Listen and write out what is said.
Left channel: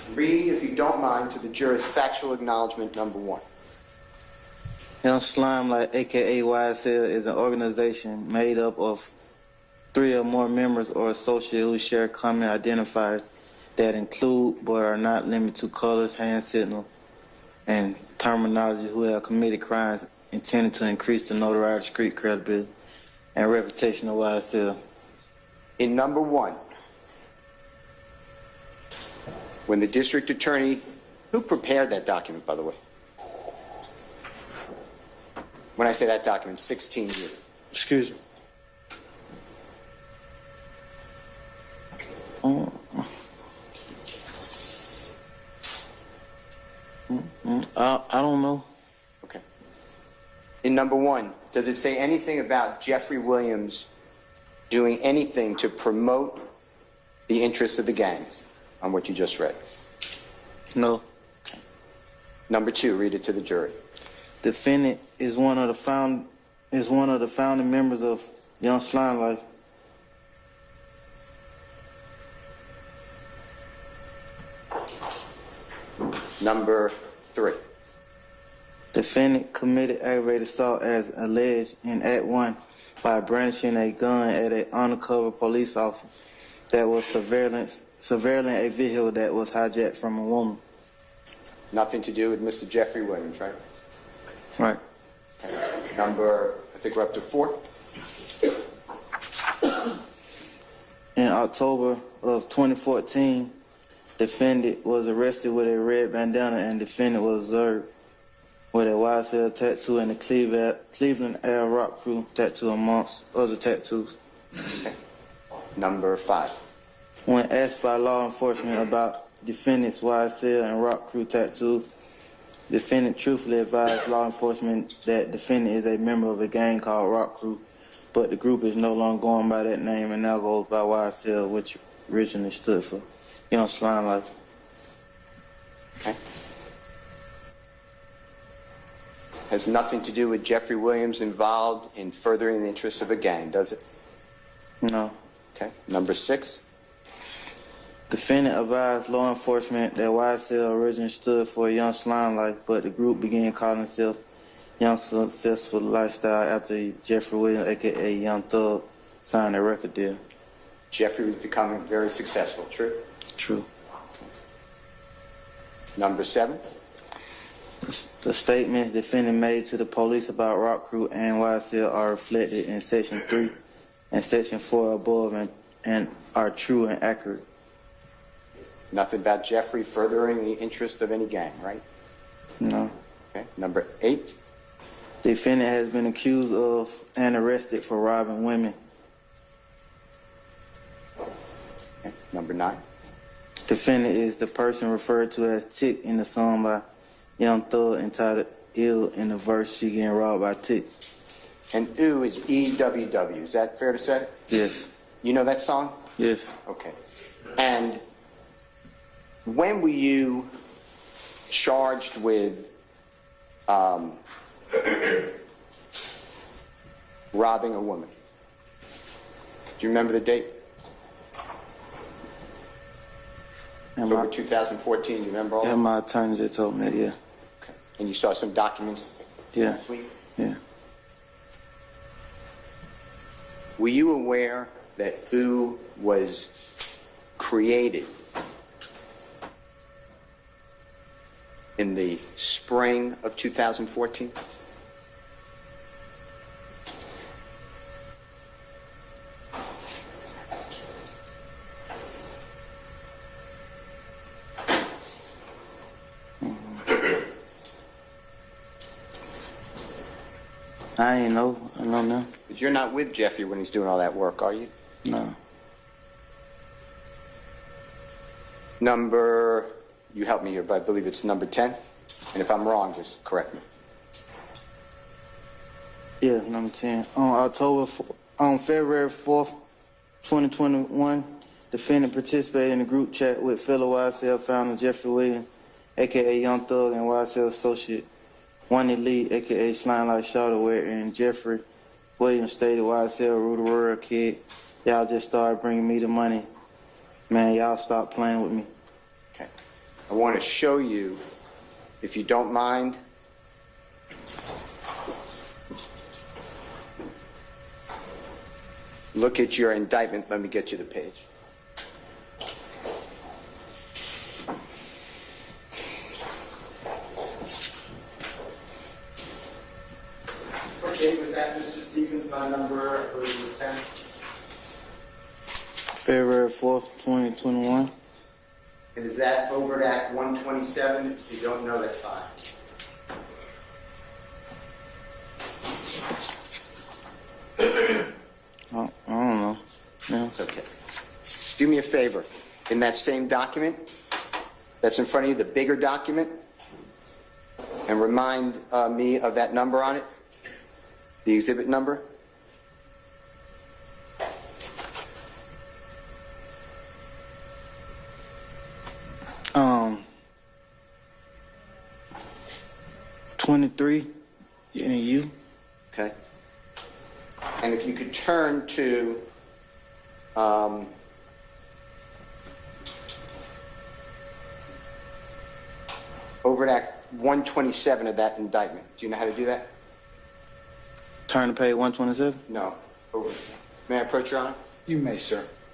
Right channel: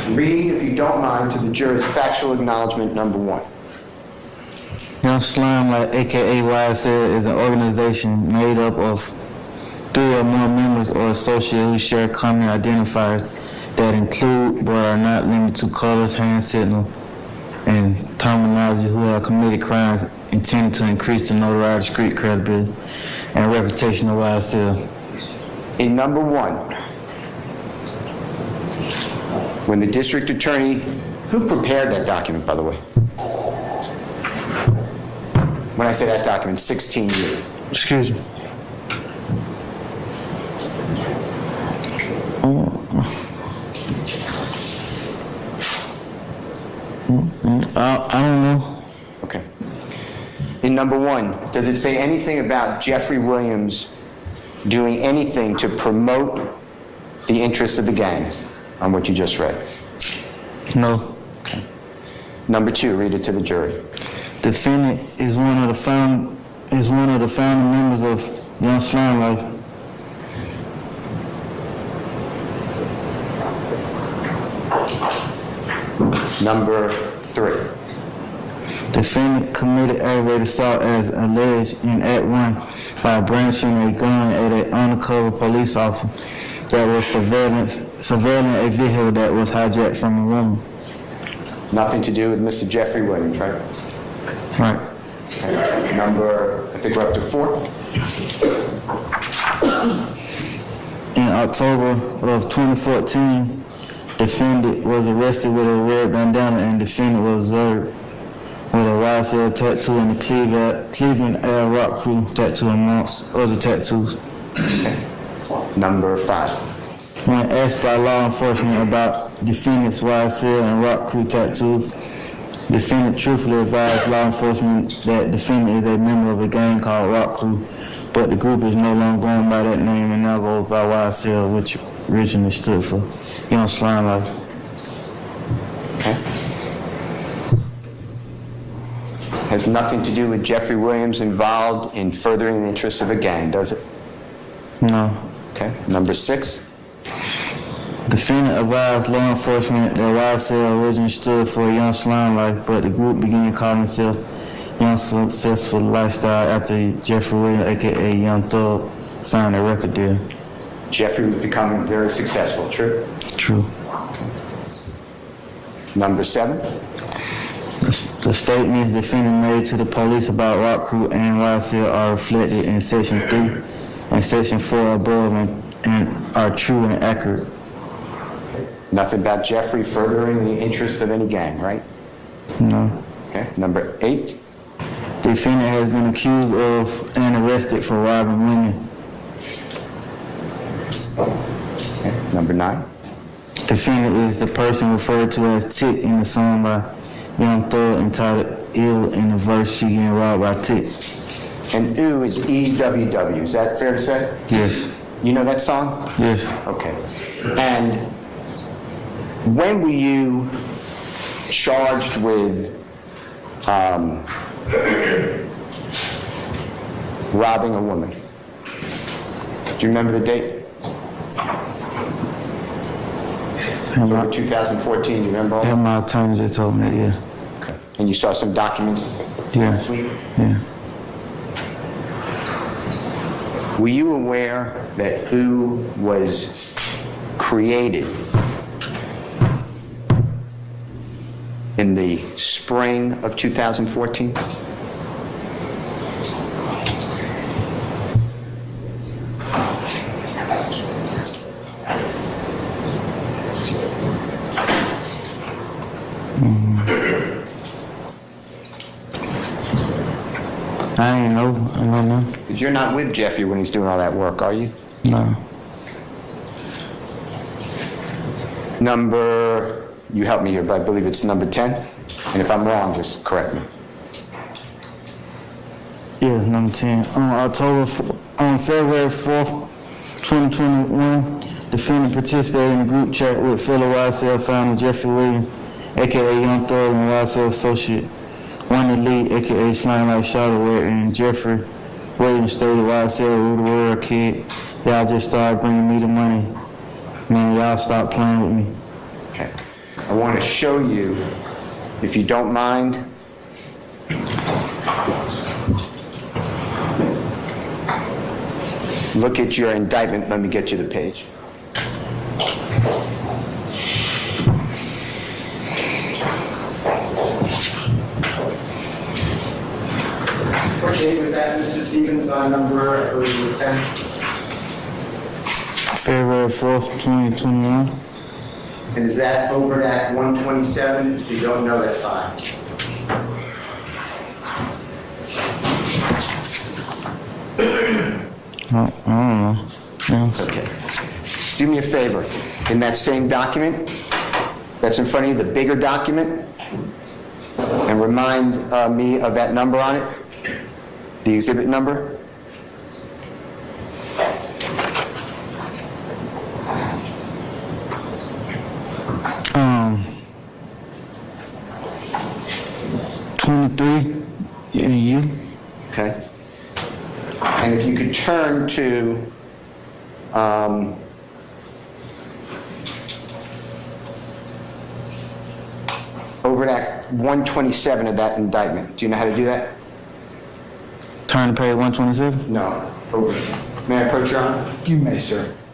Read, if you don't mind, to the jurors factual acknowledgement number 1. Young Slime, like aka YSL, is an organization made up of 3 or more members or associates who share common identifiers that include but are not limited to colors, hand signal, and terminology, who have committed crimes intended to increase the notoriety, street credibility, and reputation of YSL. In number 1, when the district attorney, who prepared that document, by the way? When I say that document, 16 years. Excuse me. I don't know. Okay. In number 1, does it say anything about Jeffery Williams doing anything to promote the interests of the gangs on what you just read? No. Okay. Number 2, read it to the jury. Defendant is one of the founding members of Young Slime Life. Number 3. Defendant committed aggravated assault as alleged in Act 1 by brandishing a gun at an undercover police officer that was surveilling a vehicle that was hijacked from a woman. Nothing to do with Mr. Jeffery Williams, right? Right. Okay. Number, I think we're up to 4. In October of 2014, defendant was arrested with a red bandana and defendant was observed with a YSL tattoo and the Cleveland Air Rock Crew tattoo amongst other tattoos. Okay. Number 5. When asked by law enforcement about defendant's YSL and Rock Crew tattoos, defendant truthfully advised law enforcement that defendant is a member of a gang called Rock Crew, but the group is no longer going by that name and now goes by YSL, which originally stood for Young Slime Life. Okay. Has nothing to do with Jeffery Williams involved in furthering the interests of a gang, does it? No. Okay. Number 6. Defendant advised law enforcement that YSL originally stood for Young Slime Life, but the group began calling itself Young Successful Lifestyle after Jeffery Williams, aka Young Thug, signed a record deal. Jeffery was becoming very successful, true? True. Okay. Number 7. The statements defendant made to the police about Rock Crew and YSL are reflected in Section 3 and Section 4 above and are true and accurate. Nothing about Jeffery furthering the interests of any gang, right? No. Okay. Number 8. Defendant has been accused of and arrested for robbing women. Okay. Number 9. Defendant is the person referred to as Tick in the song by Young Thug entitled Ill in the verse She Getting Robbed by Tick. And ooh is EWW. Is that fair to say? Yes. You know that song? Yes. Okay. And when were you charged with robbing a woman? Do you remember the date? October 2014, do you remember all that? My attorney just told me that, yeah. Okay. And you saw some documents last week? Yeah. Were you aware that OO was created in the spring of 2014? I ain't know. I don't know. Because you're not with Jeffrey when he's doing all that work, are you? No. Number, you help me here, but I believe it's number 10. And if I'm wrong, just correct me. Yeah, number 10. On February 4th, 2021, defendant participated in a group chat with fellow YSL founder Jeffery Williams, a.k.a. Young Thug, and YSL associate Wanda Lee, a.k.a. Slime Like Charlotte, and Jeffery Williams stated YSL rule the world, kid. Y'all just started bringing me the money. Man, y'all stop playing with me. Okay. I want to show you, if you don't mind, look at your indictment. Let me get you the page. What date was that, Mr. Stevens, on number, I believe it was 10? February 4th, 2021. And is that over at 127? If you don't know, that's fine. I don't know. Yeah. Okay. Do me a favor. In that same document that's in front of you, the bigger document, and remind me of that number on it, the exhibit number. Um, 23. Yeah, you. Okay. And if you could turn to over at 127 of that indictment. Do you know how to do that? Turn to page 127. No. Over. May I approach, Your Honor? You may, sir.